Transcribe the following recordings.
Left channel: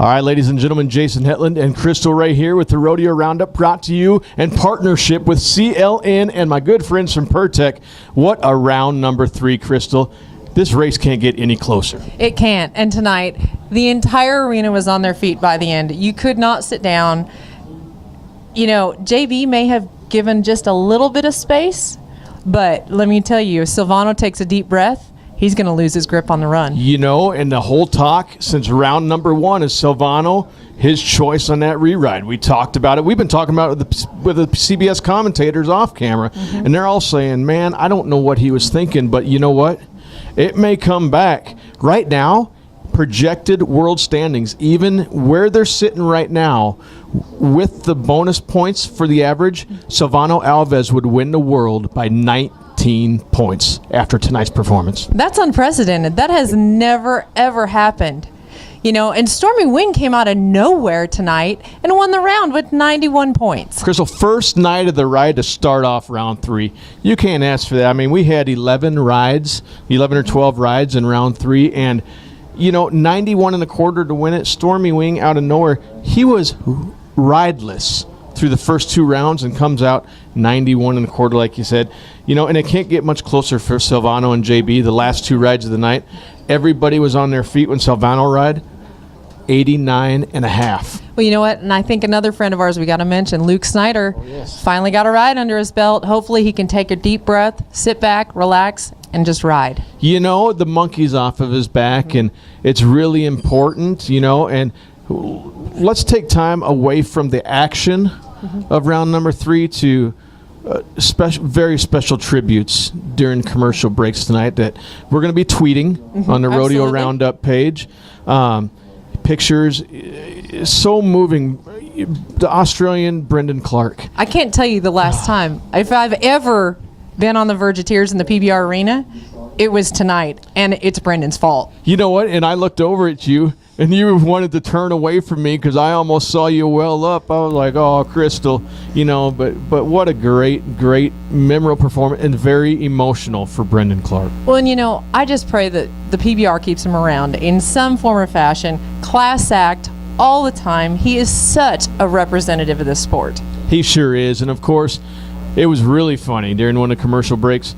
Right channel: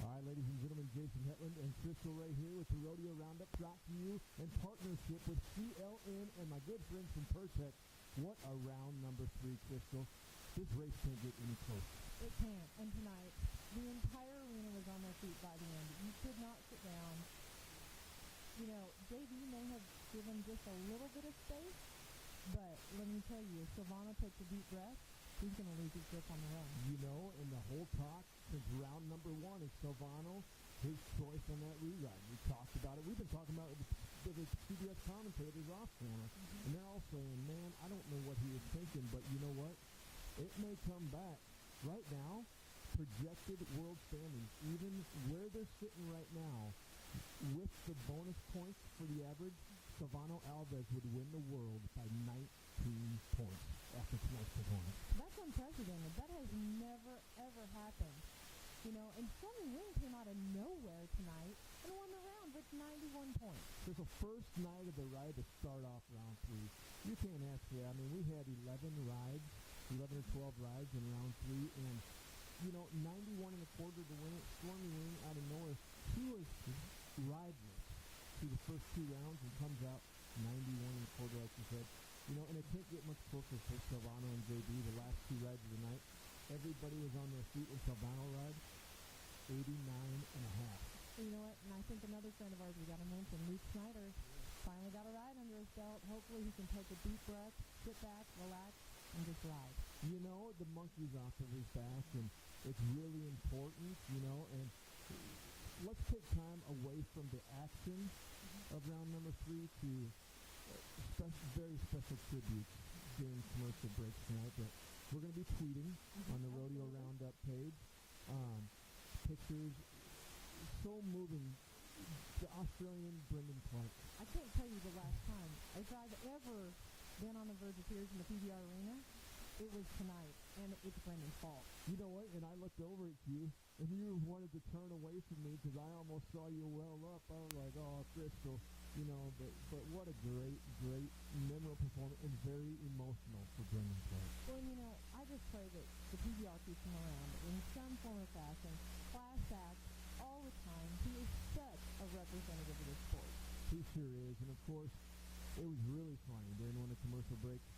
All right, ladies and gentlemen, Jason Hetland and Crystal Rae here with the Rodeo Roundup, brought to you in partnership with CLN and my good friends from Pertec. What a round number 3, Crystal. This race can't get any closer. It can't. And tonight, the entire arena was on their feet by the end. You could not sit down. You know, JB may have given just a little bit of space, but let me tell you, if Silvano takes a deep breath, he's going to lose his grip on the run. You know, and the whole talk since round number 1 is Silvano, his choice on that re-ride. We talked about it. We've been talking about it with the CBS commentators off camera, and they're all saying, man, I don't know what he was thinking, but you know what? It may come back. Right now, projected world standings, even where they're sitting right now, with the bonus points for the average, Silvano Alves would win the world by 19 points after tonight's performance. That's unprecedented. That has never, ever happened. You know, and Stormy Wing came out of nowhere tonight and won the round with 91 points. Crystal, first night of the ride to start off round 3. You can't ask for that. I mean, we had 11 or 12 rides in round 3, and, you know, 91 and a quarter to win it. Stormy Wing out of nowhere. He was rideless through the first 2 rounds and comes out 91 and a quarter, like you said. You know, and it can't get much closer for Silvano and JB. The last 2 rides of the night, everybody was on their feet when Silvano ride. 89 and a half. Well, you know what? And I think another friend of ours we got to mention, Luke Snyder, finally got a ride under his belt. Hopefully he can take a deep breath, sit back, relax, and just ride. You know, the monkey's off of his back, and it's really important, you know, and let's take time away from the action of round number 3 to very special tributes during commercial breaks tonight that we're going to be tweeting on the Rodeo Roundup page. Pictures, so moving. The Australian Brendan Clark. I can't tell you the last time. If I've ever been on the verge of tears in the PBR arena, it was tonight, and it's Brendan's fault. You know what? And I looked over at you, and you wanted to turn away from me because I almost saw you well up. I was like, oh, Crystal, you know, but what a great, memorable performance and very emotional for Brendan Clark. Well, and you know, I just pray that the PBR keeps him around in some form or fashion. Class act all the time. He is such a representative of this sport. He sure is. And of course, it was really funny during one of the commercial breaks.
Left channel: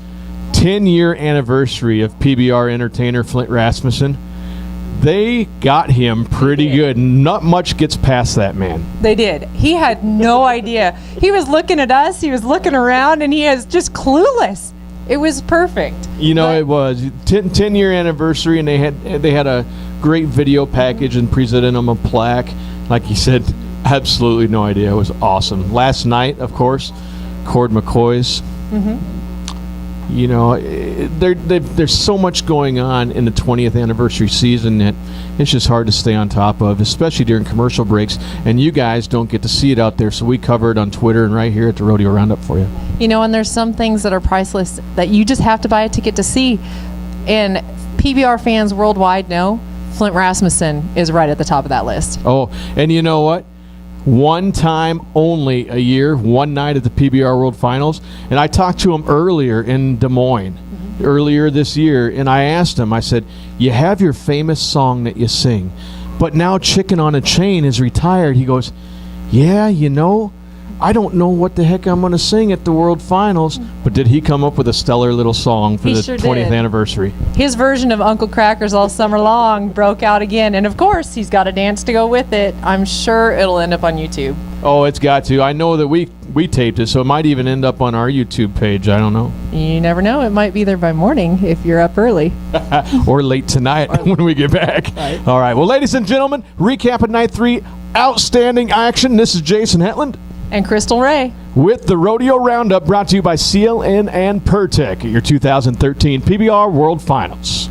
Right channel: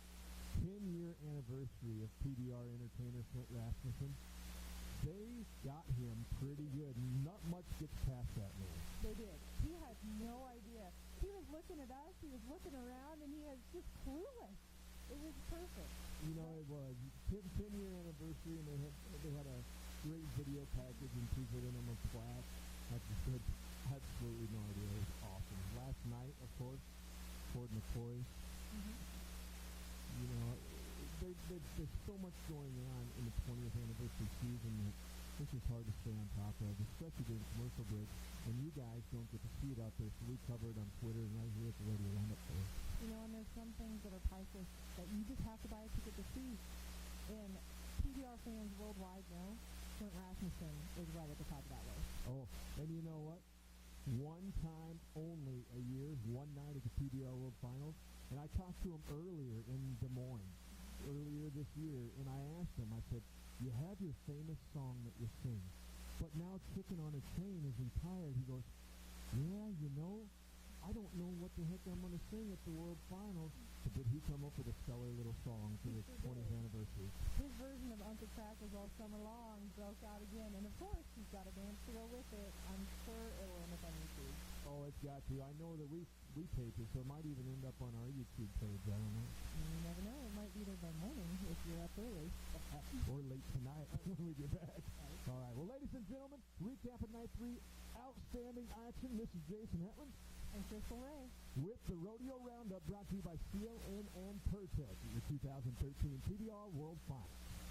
10-year anniversary of PBR entertainer Flint Rasmussen. They got him pretty good. Not much gets past that man. They did. He had no idea. He was looking at us, he was looking around, and he is just clueless. It was perfect. You know, it was 10-year anniversary, and they had a great video package and presented him a plaque. Like he said, absolutely no idea. It was awesome. Last night, of course, Cord McCoy's. You know, there's so much going on in the 20th anniversary season that it's just hard to stay on top of, especially during commercial breaks. And you guys don't get to see it out there, so we cover it on Twitter and right here at the Rodeo Roundup for you. You know, and there's some things that are priceless that you just have to buy a ticket to see. And PBR fans worldwide know Flint Rasmussen is right at the top of that list. Oh, and you know what? One time only a year, one night at the PBR World Finals. And I talked to him earlier in Des Moines, earlier this year, and I asked him, I said, you have your famous song that you sing, but now Chicken on a Chain is retired. He goes, yeah, you know, I don't know what the heck I'm going to sing at the World Finals. But did he come up with a stellar little song for the 20th anniversary? His version of Uncle Crackers All Summer Long broke out again. And, of course, he's got a dance to go with it. I'm sure it'll end up on YouTube. Oh, it's got to. I know that we taped it, so it might even end up on our YouTube page. I don't know. You never know. It might be there by morning if you're up early. Or late tonight when we get back. Right. All right. Well, ladies and gentlemen, recap of Night 3. Outstanding action. This is Jason Hetland. And Crystal Rae. With the Rodeo Roundup, brought to you by CLN and Pertec at your 2013 PBR World Finals.